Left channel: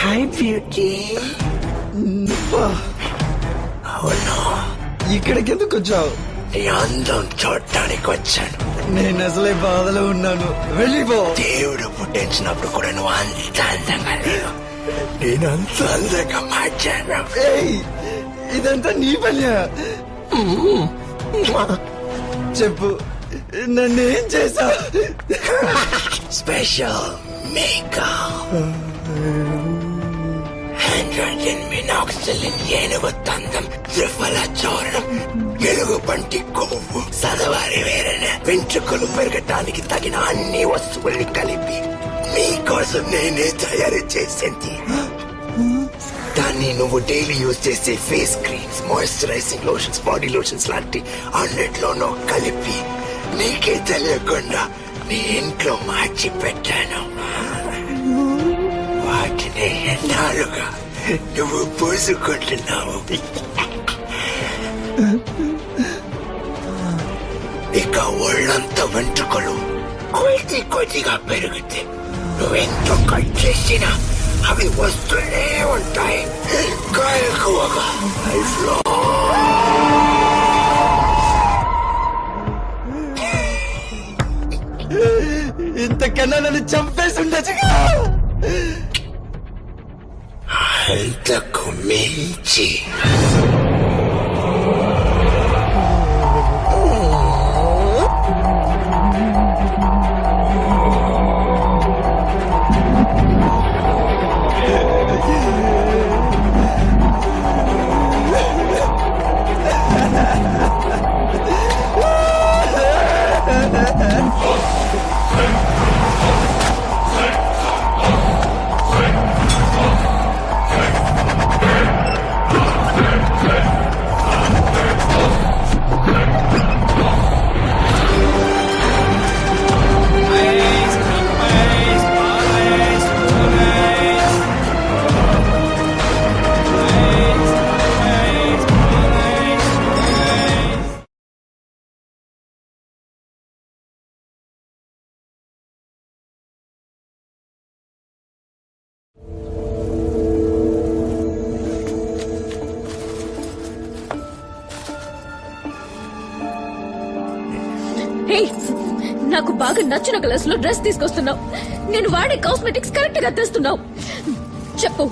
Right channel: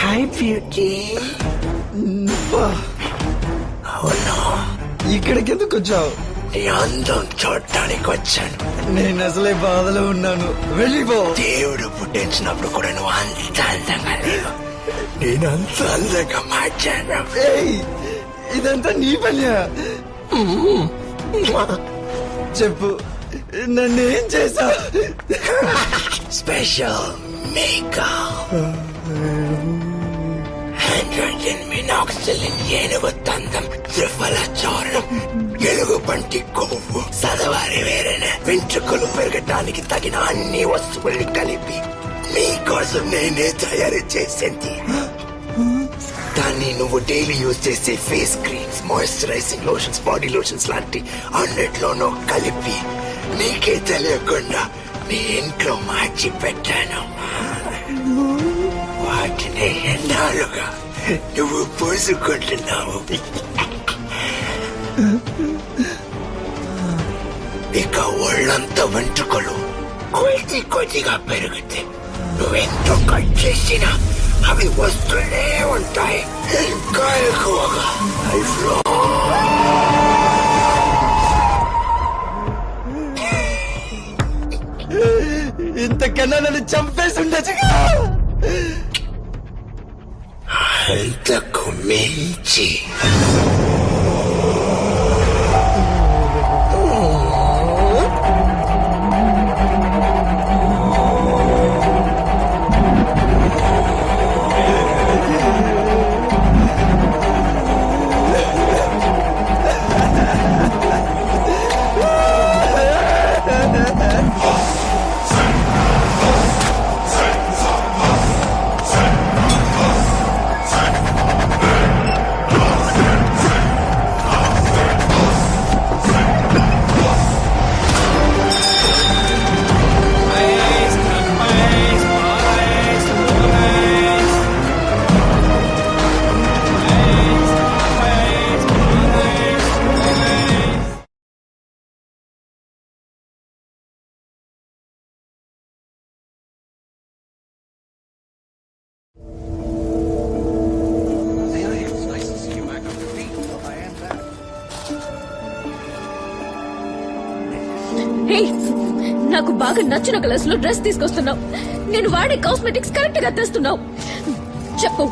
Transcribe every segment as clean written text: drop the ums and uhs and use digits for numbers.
Hi beauty. అవును, ఇక్కడికి ఎందుకు వచ్చావు? నీ అందం చూడటానికి వచ్చాను. నేను అసలే బాధలో ఉన్నాను, వెళ్ళిపో. దేవుడు పుట్టించినప్పుడు కూడా నువ్వు అంత అందంగా లేవు, నేను అంత అందంగా మార్చాను. ఏయ్, ఇదంతా నీ పనియా? చెప్పు, నన్నేం చేసా? స్పెషల్ మేకప్, హైడ్రోజన్ మినాక్సిలిన్, ఏనుగు తందం, త్రిఫల చూర్ణం, ఎలుగు పంటి కొవ్వు, సదవారి వేరైన వెంట్రుకలు పెరగటానికి తగిన అన్ని వస్తువుల్ని కలిపి మీకోసం నేనే తయారు చేసింది. దాన్ని నువ్వు డైలీ యూజ్ చేసే face creams, moisturising lotions, body lotions లాంటి అన్నిట్లోనూ కలిపి నీకే తెలియకుండా నీ ఇంట్లో మార్చి పెట్టాను. వాటిని ఎన్నాళ్ళుగా నువ్వు పూసుకుంటున్నావు. ఇక ఒళ్ళంతా వెంట్రుకలు కొద్ది కొద్దిగా పెరిగితే నువ్వెంతో కట్ చేసినా అవి వస్తూనే ఉంటాయి, ఇంకా ఎక్కువగా. ఇంతకన్నా నన్ను చంపేసి ఉండొచ్చుగా. అంతకు మించి నాకు బాగా నచ్చిన కలర్స్ లో డ్రెస్ తీసుకొస్తున్నావు, నేను వాడే కాస్మెటిక్స్ కరెక్ట్ గా తెస్తున్నావు. చెప్పు,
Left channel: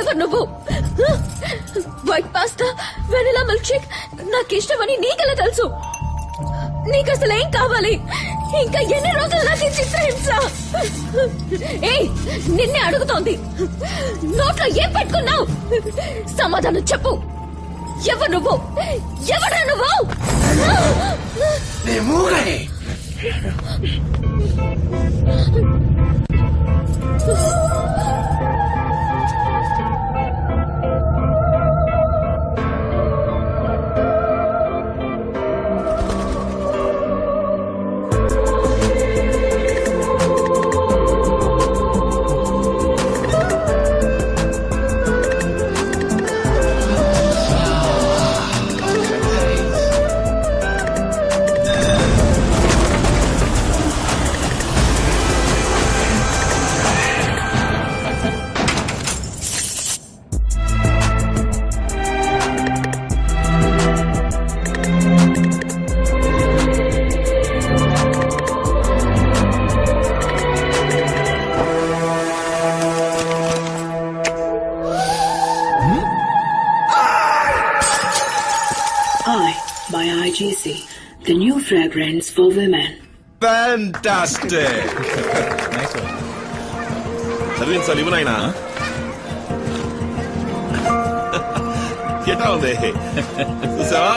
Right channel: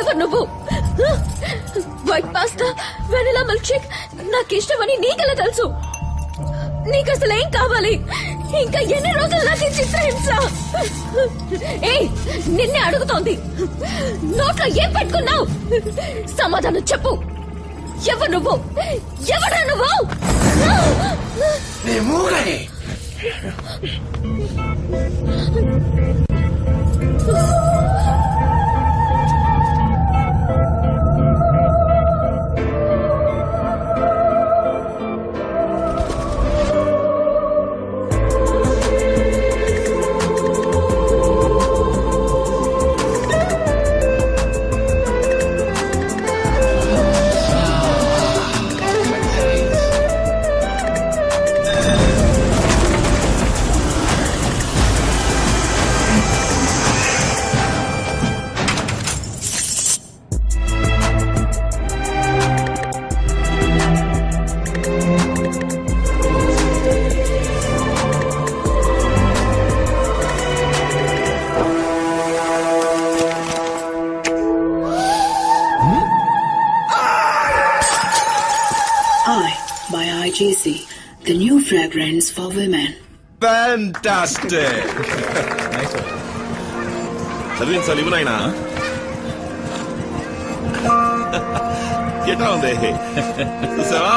ఎవరు నువ్వు? White pasta, vanilla milk shake నాకు ఇష్టమని నీకెలా తెలుసు? నీకు అసలు ఏం కావాలి? ఇంకా ఎన్ని రోజులు నాకు ఈ చిత్రహింస? ఏయ్, నిన్నే అడుగుతోంది, నోట్లో ఏం పెట్టుకున్నావు? సమాధానం చెప్పు. ఎవరు నువ్వు? ఎవరా నువ్వు? by IGC, the new fragrance for women. Fantastic! Nice one. Sarvin Salivanaina. Get on there. Susava.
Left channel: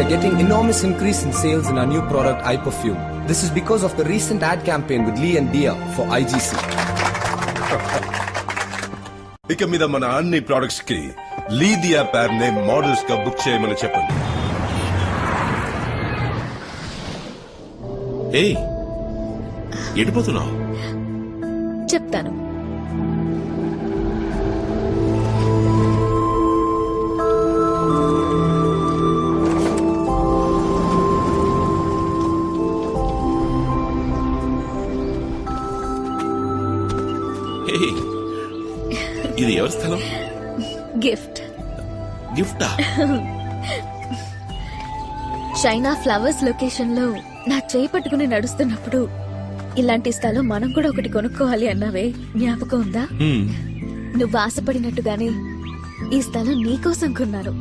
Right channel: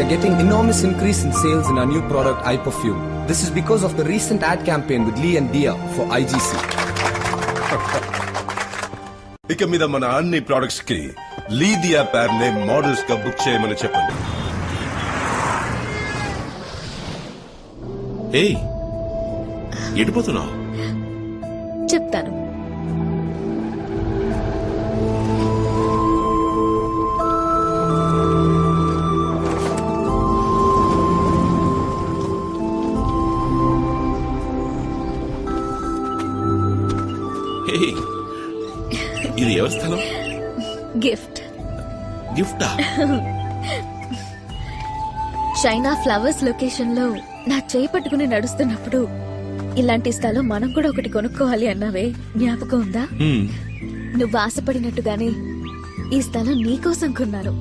we are getting enormous increase in sales in our new product, iPerfume. This is because of the recent ad campaign with Lee and Dia for IGC. ఇక మీద మన అన్ని products కి లీదియా పేర్ నే models గా book చేయమని చెప్పండి. ఏయ్ ఎడిపోతున్నావు? చెప్తాను. ఏయ్, ఇది ఎవరి స్థలం? గిఫ్ట్. గిఫ్టా? చైనా ఫ్లవర్స్ లొకేషన్ లో నా చేయి పట్టుకుని నడుస్తున్నప్పుడు ఇలాంటి స్థలం మనం కూడా ఒకటి కొనుక్కోవాలి అన్నావే, జ్ఞాపకం ఉందా? నువ్వు ఆశపడినట్టుగానే ఈ స్థలం నీకోసం కొన్నాను.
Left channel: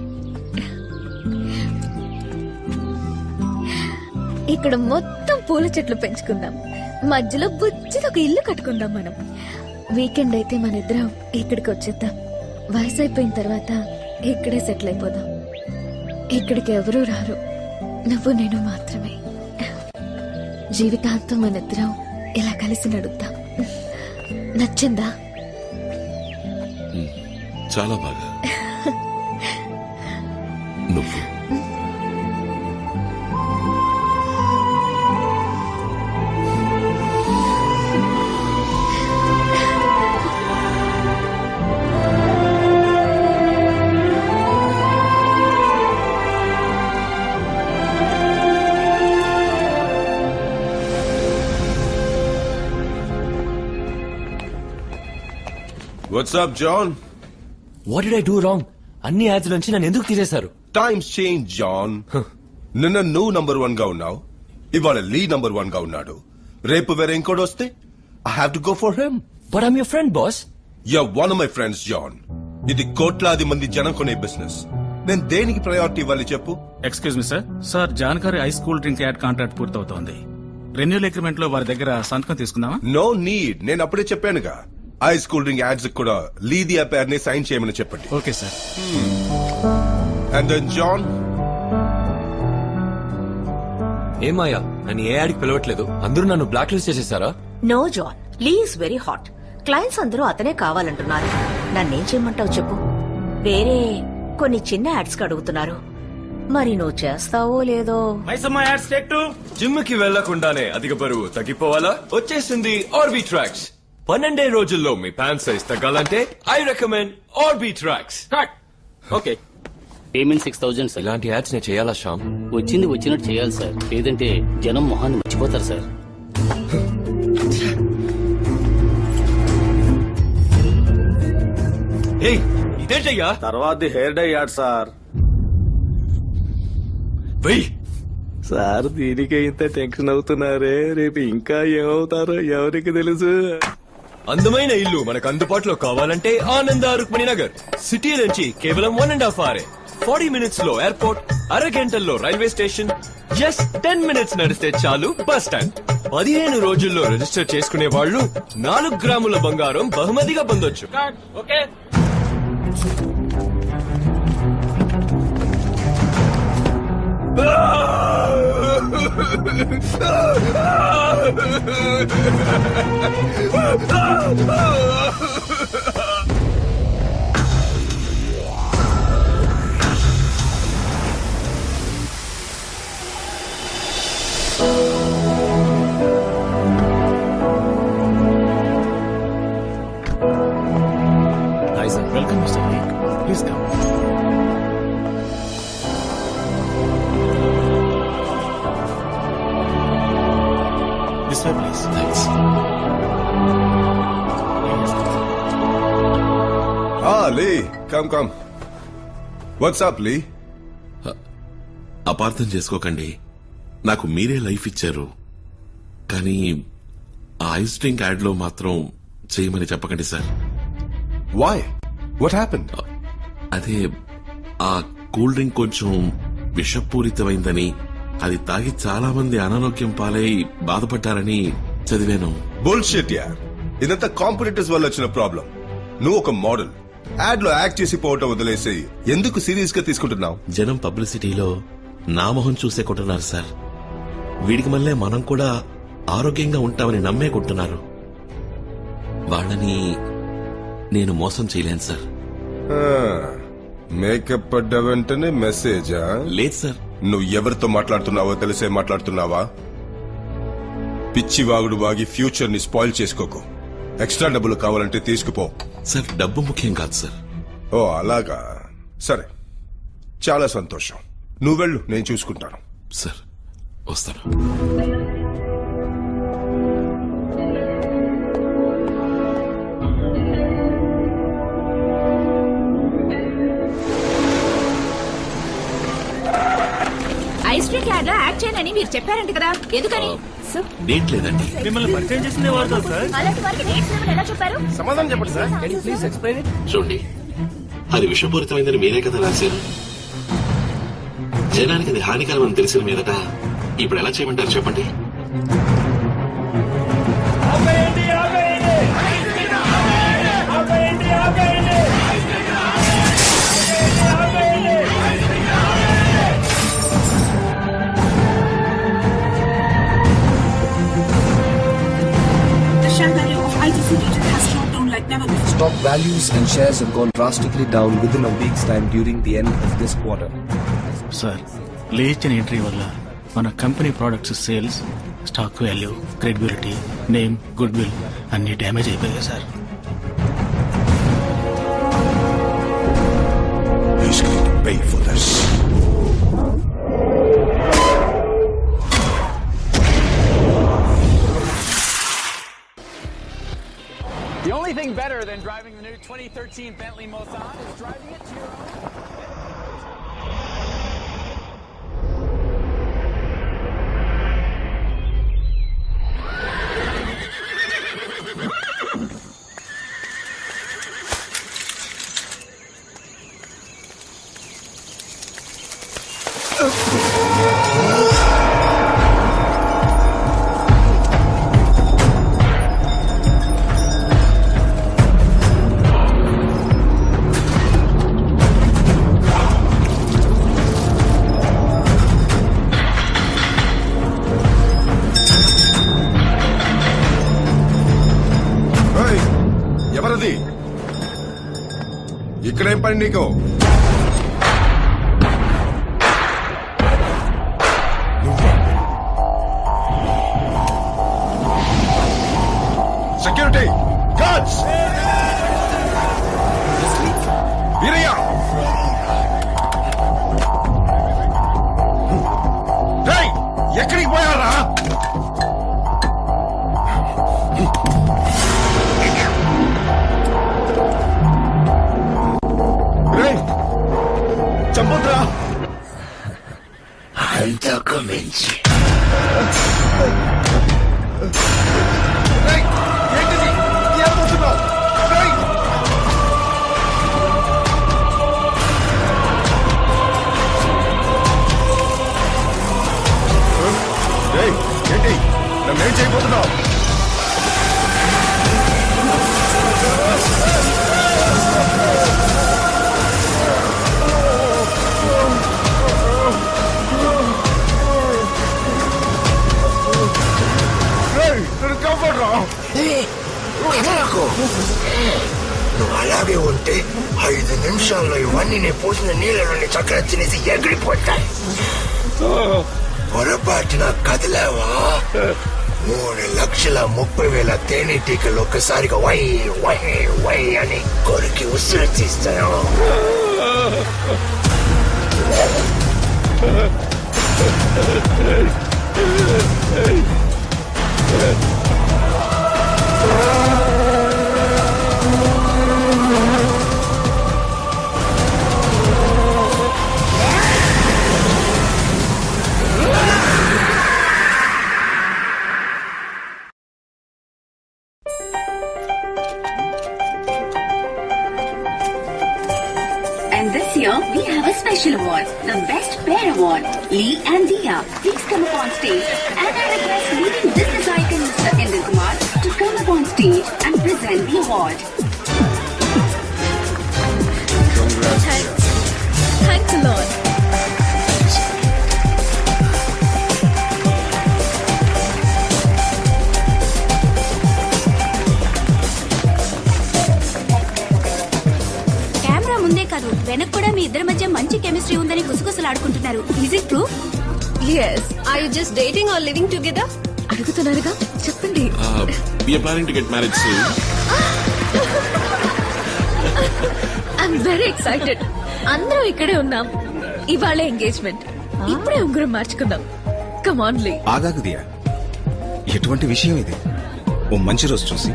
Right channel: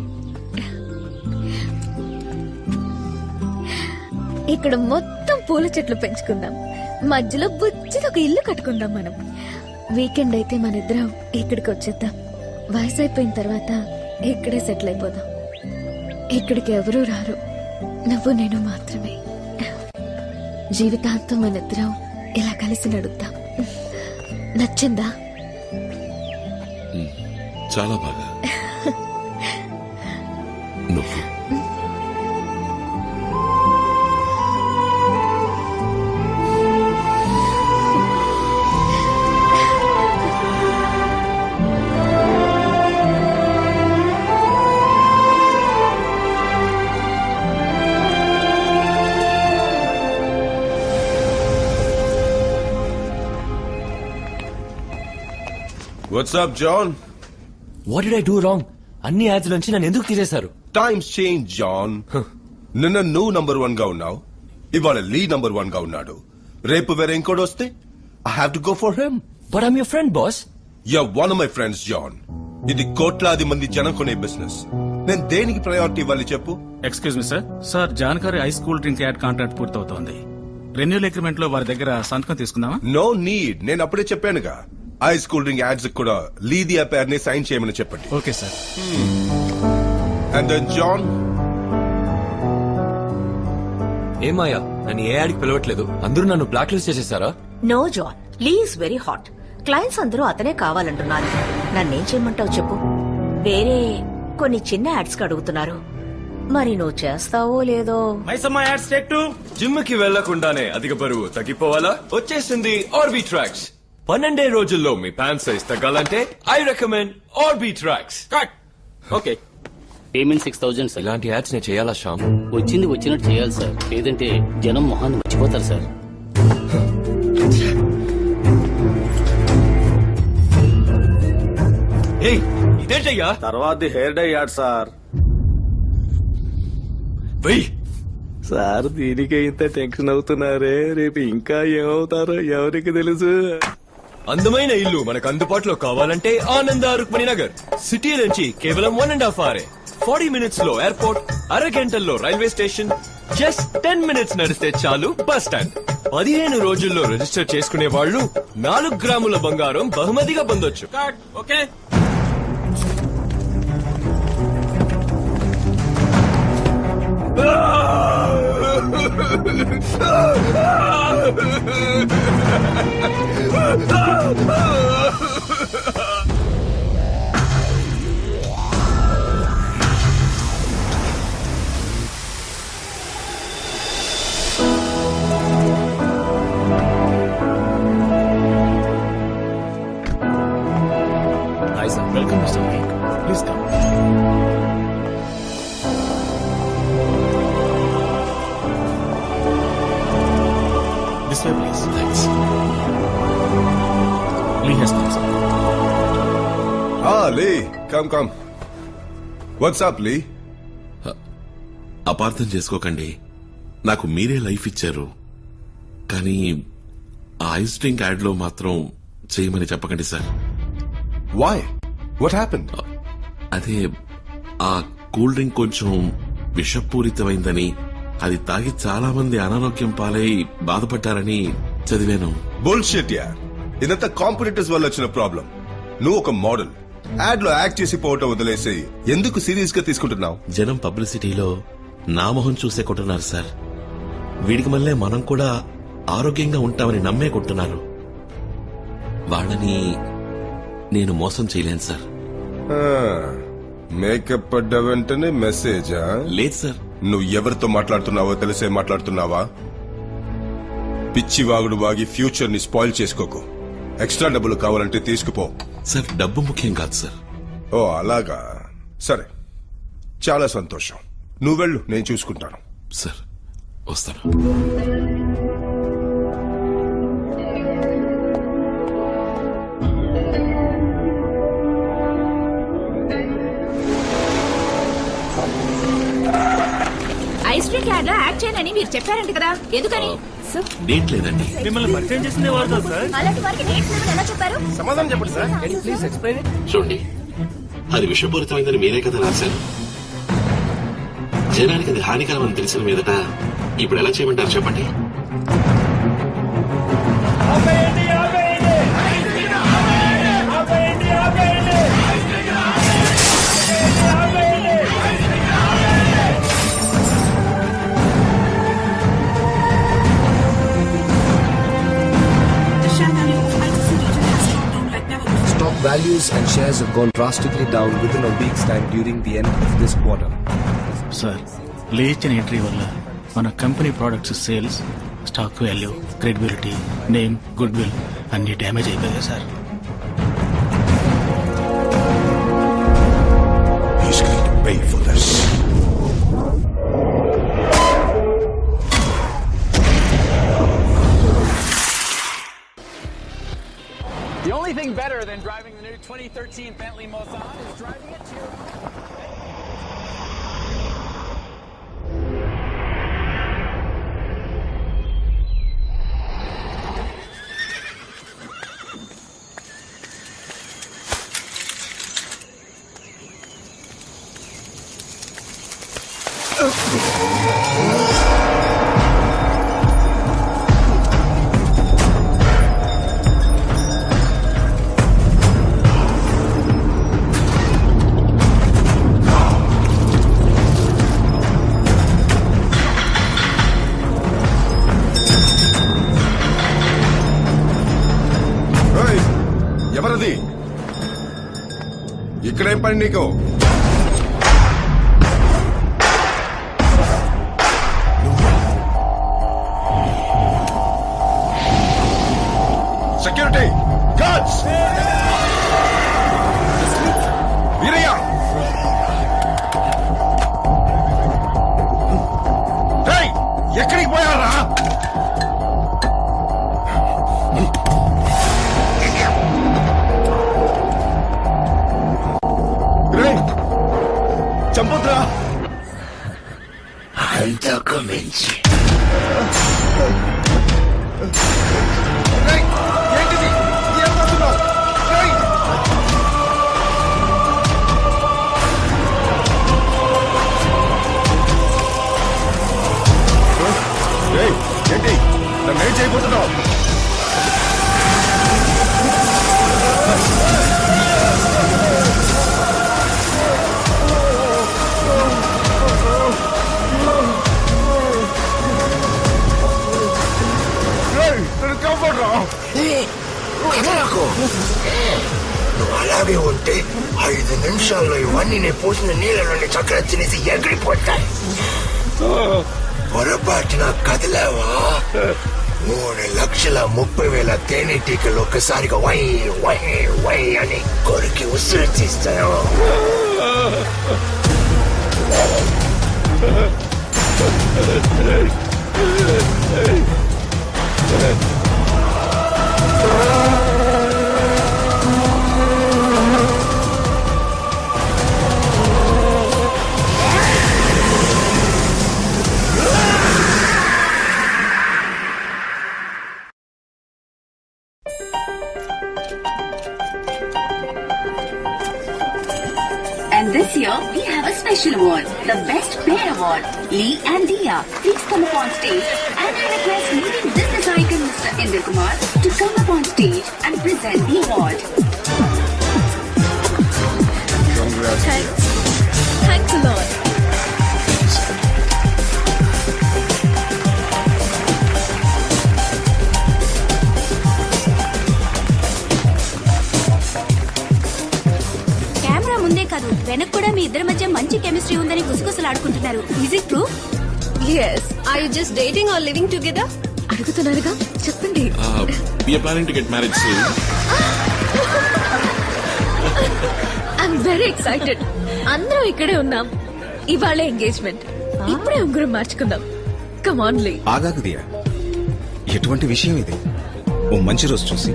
ఇక్కడ మొత్తం పూల చెట్లు పెంచుకుందాం, మధ్యలో బుజ్జిది ఒక ఇల్లు కట్టుకుందాం. మనం వీకెండ్ అయితే మన ఇద్దరం ఇక్కడికి వచ్చేద్దాం. వయసు అయిపోయిన తర్వాత ఇక్కడే సెటిల్ అయిపోదాం. ఇక్కడికి ఎవరూ రారు, నువ్వు నేను మాత్రమే. జీవితాంతం మన ఇద్దరం ఇలా కలిసి నడుద్దాం. నచ్చిందా? చాలా బాగా. నువ్వు What's up, John? What did I do wrong? అన్ని యాడ్స్ నుంచి నన్ను ఎందుకు తీసేశారు? Times change, John. నిన్న నువ్వు నంబర్ 1 గా ఉన్నావు, ఇవాళ లీ నంబర్ 1 గా ఉన్నాడు. రేపు వేరే ఇంకోటి వస్తే I have to go for him. But I'm your friend boss. You're one of my friends, John. ఇది కోట్లాది మంది జనం కొనే బిజినెస్. నేను దేనికి ప్రయారిటీ ఇవ్వాలి చెప్పు? Excuse me sir. సార్ జాన్కారీ ice cool drink ad contract పూర్తవుతోంది. రెన్యూల్ అగ్రిమెంట్ లో వారి దగ్గర సంతకం తీసుకుందామా? నో నీడ్, నేను అప్పుడే చెప్పానుగా. ఐస్ కూల్ డ్రింక్ యాడ్స్ కూడా లీదియా పేర్ ని సైన్ చేయమని చెప్పండి. Okay sir. And then John, ఏమాయా, నన్ను ఏ యాడ్కి పిలవట్లేదు, అందరూ నన్ను బ్లాక్ లిస్ట్ చేసేసారా? No John, Lee is very hot. Clients అందరూ అతనే కావాలంటున్నారు. నన్నేం చేయమంటావు చెప్పు? వేరే కొన్ని చిన్న యాడ్స్ కి అడుగుతున్నారు, మరి నువ్వు చేస్తావో లేదో. Maisamma ads take 2. జిమ్ కి వెళ్లకుండానే అధిక బరువు తగ్గిపోవాలా? వచ్చేసింది ఆర్బీ ట్రాక్స్. 12 రోజుల్లో మీ ప్యాంట్ సైజ్ తగ్గాలంటే I recommend RB tracks. Cut. Okay. Payment 6000 sir. ఇలాంటి యాడ్స్ నేను చేయాలా శ్యామ్? వచ్చింది వచ్చినట్టు చేయాలి సార్, లేదంటే జనం మొహాన్ని మర్చిపోతారు సార్. ఏయ్, ఇదేంటయ్యా? తర్వాత హెయిర్ డై యాడ్ సార్. వెయ్, సార్ దీనికే ఇంత టెన్షన్ అవుతున్నారే, రేపు ఇంకా ఏమవుతారో ఎవరికి తెలుసు. అందమైన ఇల్లు మనకు అందుబాటులో కావాలంటే ఆనంద రుక్మిణి నగర్. సిటీ నుంచి కేవలం 1.5 hours. 40 minutes లో ఎయిర్పోర్ట్, అరగంటల్లో రైల్వే స్టేషన్, జస్ట్ 10 minutes నడిస్తే చాలు బస్ స్టాండ్. 15 రోజుల్లో రిజిస్టర్ చేసుకునే వాళ్ళు 4 గ్రాముల బంగారం బహుమతిగా పొందొచ్చు. Okay. Hi sir. Welcome mister Lee, please come. This way, please. Thanks. Lee has come, sir. Lee, come. What's up Lee? అపార్థం చేసుకోకండి, నాకు మీరే లైఫ్ ఇచ్చారు, కానీ ఆ ఐస్ డ్రింక్ యాడ్ లో మాత్రం చేయమని చెప్పకండి సార్. వై? What happened? అదే, ఆ కూల్ డ్రింక్ కొంచెం విషపూరితమైందని, అది తాగి చాలా మంది అనారోగ్యం పాలై బాధపడ్డారని చదివాను. బుల్షిట్ యార్, ఇదంతా కాంపిటీటర్స్ వల్ల వచ్చిన ప్రాబ్లం. నువ్వు ఒక మోడల్, యాడ్ లో యాక్ట్ చేసి పోవటం వదిలేసి ఎందుకు సీరియస్ గా తీసుకుంటున్నావు? జనం పబ్లిసిటీలో నా మొహం చూసే కొంటున్నారు సార్. వీడికి మళ్ళీ మనం కూడా ఆరోగ్యంగా ఉంటామని నమ్మే కొంటున్నారు. వాళ్ళని నేను మోసం చేయలేను సార్. మేకప్ పడ్డ వెంటనే మెసేజా? లేదు సార్. నువ్వు ఎవరితో మాట్లాడుతున్నావో తెలిసే మాట్లాడుతున్నావా? పిచ్చి వాగుడు వాగి ఫ్యూచర్ ని స్పాయిల్ చేసుకోకు. ఎక్స్ట్రా డబ్బులు కావాలంటే తీసుకుపో. సార్ డబ్బు ముఖ్యం కాదు సార్. ఓ అలాగా, సరే చాలా సంతోషం. నువ్వు వెళ్ళు, నేను చూసుకుంటాను. సార్ వస్తాను. ఐస్ క్రీమ్ యాడ్ లో యాడ్ చేయనని మీరు చెప్పారంట కదా, ఎందుకని? డేట్ లేదండి. మిమ్మల్ని పరిచయం చేసిందే వారు కదా సార్. అలాంటి వారికి డేట్స్ లేవని ఎలా చెప్పారు? సమాధానం చెప్పండి సార్. Please explain it. చూడండి, అది విషపూరితమైందని మీరే కదా రాశారు. జనానికి అది హానికరమని తెలిసిన మీదట ఇప్పుడు ఎలా చేయమంటారు చెప్పండి? The share value of ITC region has dropped down like never before. Stock values and shares have gone drastically down within a week's time during the end of this quarter. Sir, లేచిన entry వల్ల మన company products sales, stock value, credibility, name, good will అన్ని damage అయిపోయాయి sir. He's going to pay for this. The only thing better than driving the new 2013 Bentley Mulsanne is driving it to your own. ఎవరది? ఇక్కడేం పని నీకు? Security guards, Veeraiah, ఎక్కడికి పోయారా? చంపొద్దురా. అంతకు మించి ఏంటిది? ఏం పోతున్నావు? ఏంటి నన్నేం చేయబోతున్నావు? నువ్వు అలాగే ఉంటే 5 నిమిషాల్లో ఇవన్నీ నేను పోసిన నీళ్ళలోని చక్కెర తినేసి ఎగిరిపోతాయి. పొరపాటున కదిలేవా 3,30,000 తేనెటీకలు ఒక్కసారిగా వై వై వై అని కొరికి ఉసిరి తీస్తాయో. And this year, we have a special award, the Best Pair Award. Lee and Dia, please come up on stage. And I request leading business icon Mr. Inder Kumar to come up on stage and present the award. Thanks a lot. ముందే కాదు వెనక్ కూడా మీ ఇద్దరి మధ్య మంచి chemistry ఉందని గుసగుసలాడుకుంటున్నారు. Is it true? yes are you just dating or living together అడుగుతున్నారుగా చెప్పండి. we are planning to get married soon. I'm very excited. అందరం ఇక్కడే ఉన్నాం. ఇవాళ ఎంగేజ్మెంట్. ఇప్పుడే ఉంగరం మార్చుకుందాం. కమ్ ఆన్ లీ. ఆగాకు దియా, ఎటువంటి విషయం ఇది? ఓ మంచి రోజు చూసి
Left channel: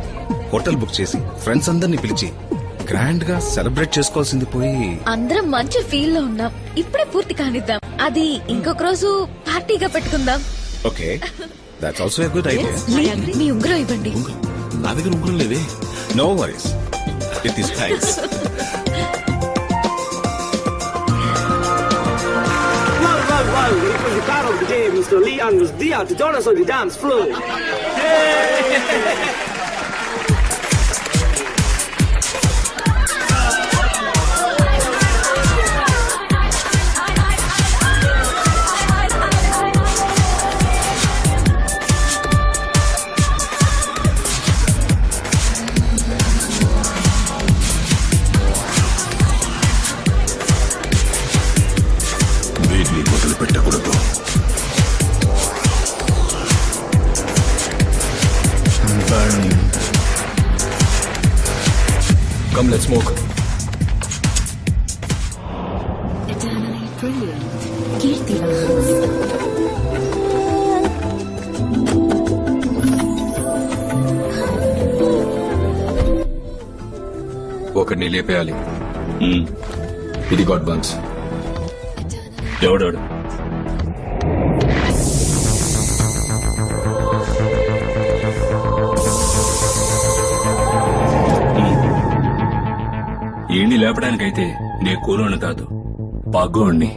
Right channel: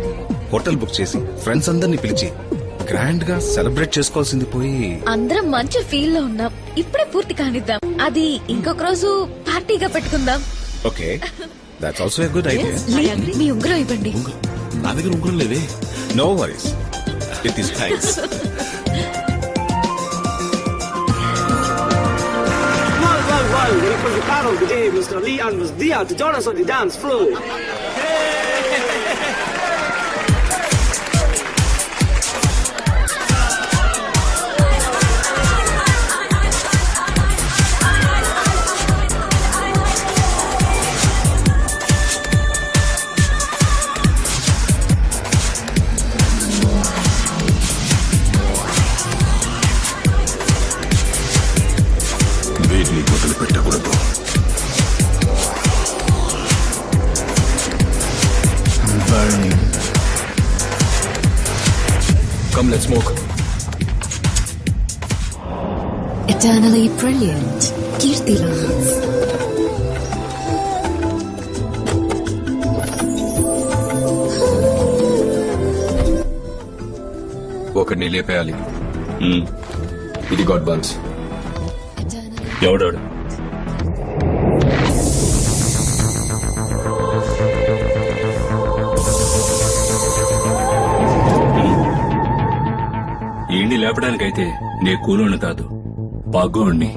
హోటల్ బుక్ చేసి ఫ్రెండ్స్ అందరినీ పిలిచి గ్రాండ్ గా సెలబ్రేట్ చేసుకోవాల్సింది పోయి అందరం మంచి ఫీల్ లో ఉన్నాం. ఇప్పుడే పూర్తి కానిద్దాం. అది ఇంకొక రోజు పార్టీగా పెట్టుకుందాం. Okay, that's also a good idea. మీ ఉంగరం ఇవ్వండి. నా దగ్గర ఉంగరం లేదే. No worries, it is thanks. Well, it was the car of the day, Mr. Lee and Ms. Dia to join us on the dance floor. వీటిని మొదలు పెట్టకూడదు. Come, let's smoke. Eternally brilliant. Kirti Lance. ఒకడిని లేపేయాలి. ఇది God buns. ఎవడాడు? ఏంటి లేపడానికైతే నే కూలోని కాదు, పగ్గోణ్ణి.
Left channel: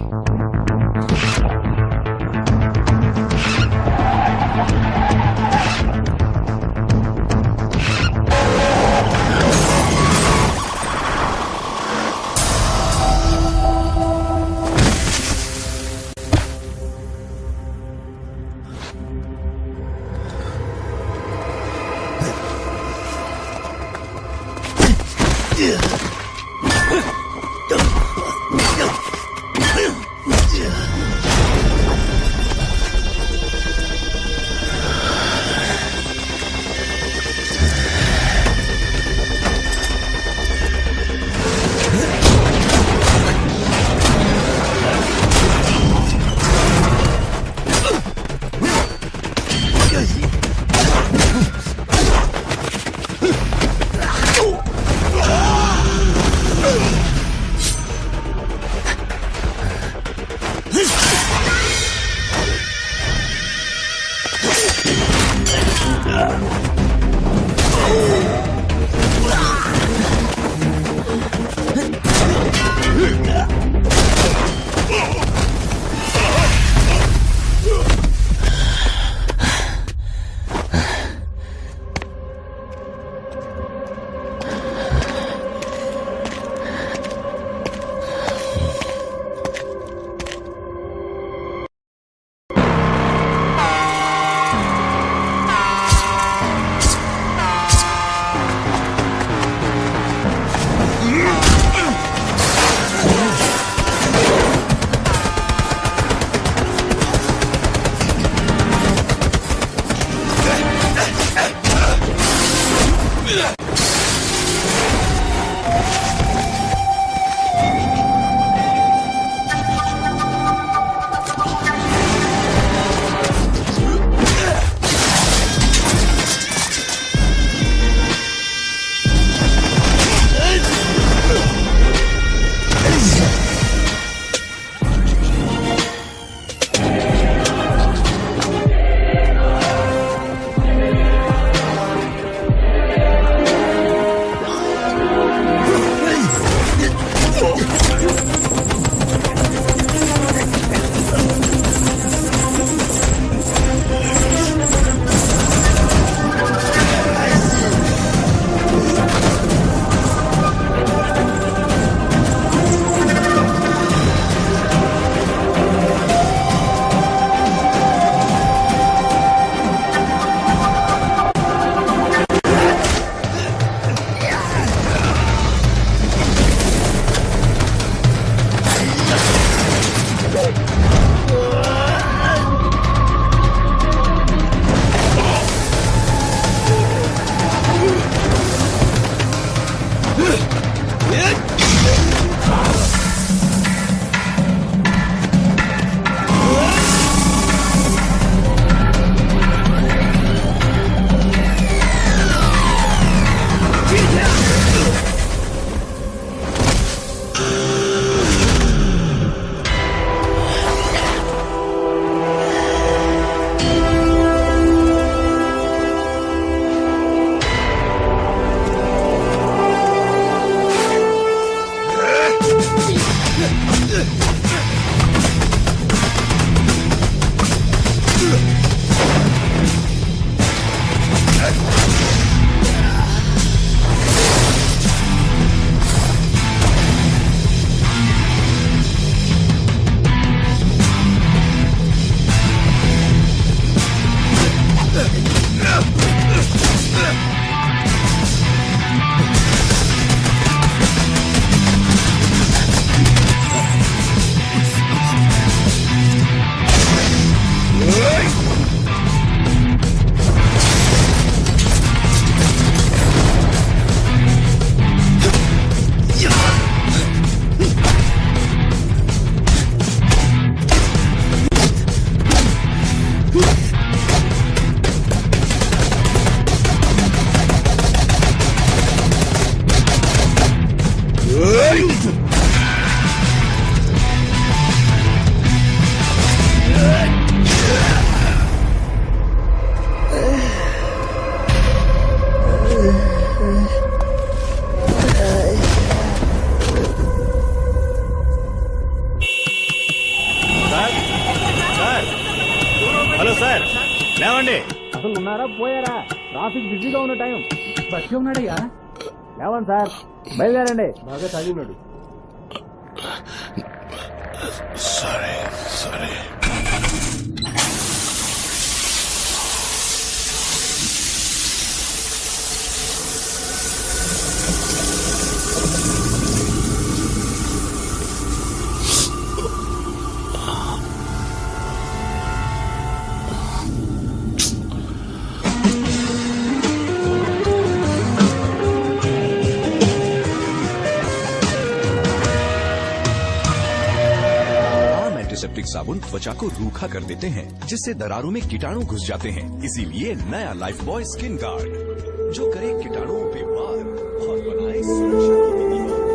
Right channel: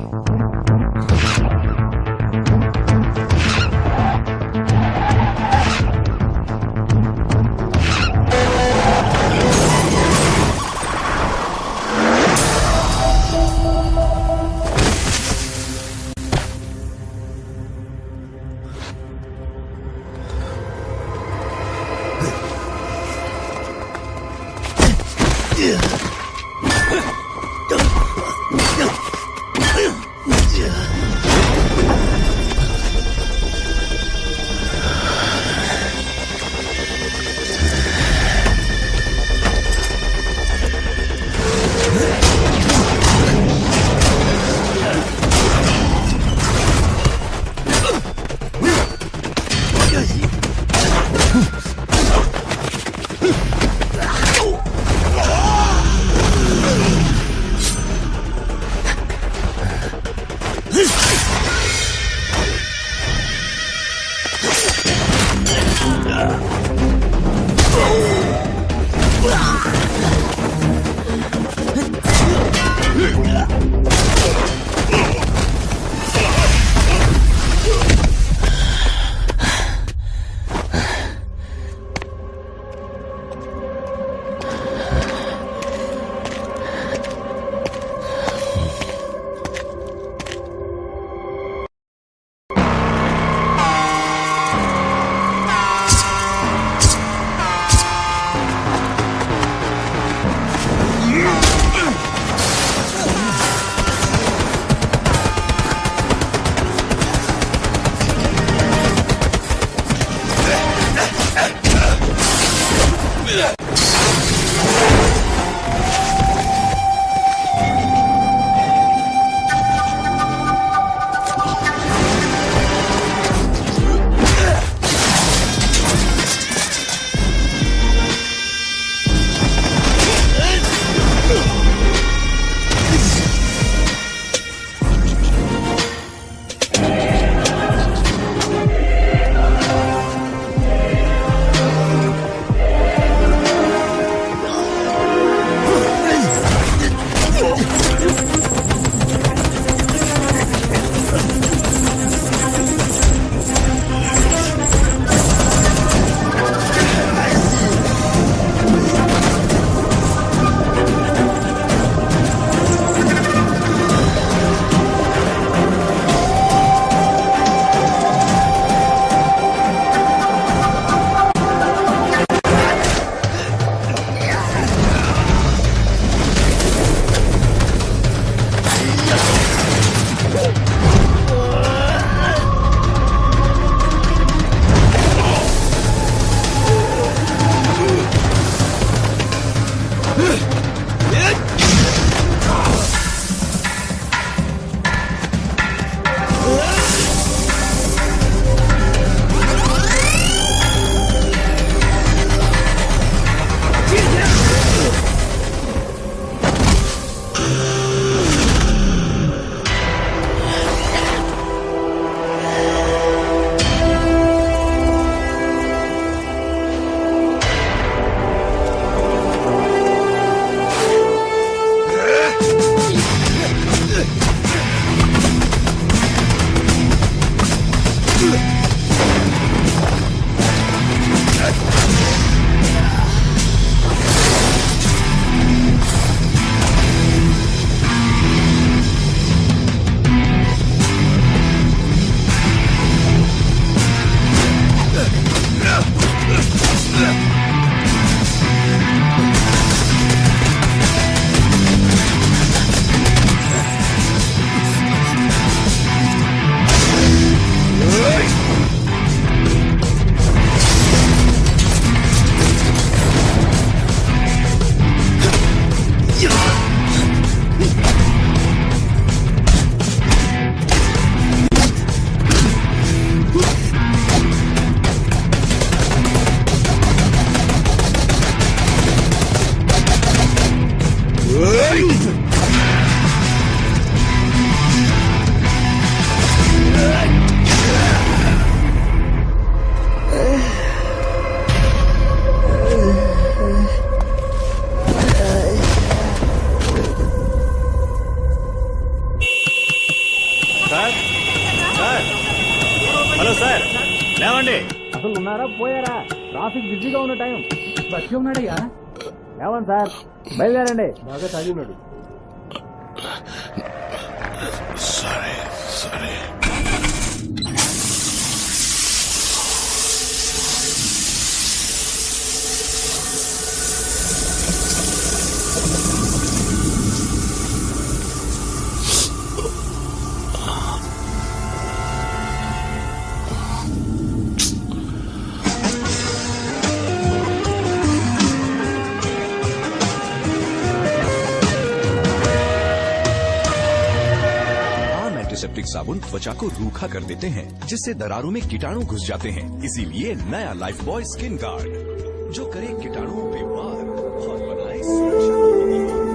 Hello sir లేవండి. అసలు ఉన్నారా పోయారా? ట్రాఫిక్ బిజీగా ఉన్న టైం. బస్సు ఉన్నాడయ్యా. లేవండి సార్, బయలుదేరండి. బాగా తాగి ఉన్నాడు. సరే సరే. एंटीसेप्टिक साबुन त्वचा को रूखा कर देते हैं, जिससे दरारों में कीटाणु घुस जाते हैं। इसीलिए नया लाइफ बॉय स्किन गार्ड जो करे कीटाणुओं पे वार और बनाए सुरक्षा की दीवार।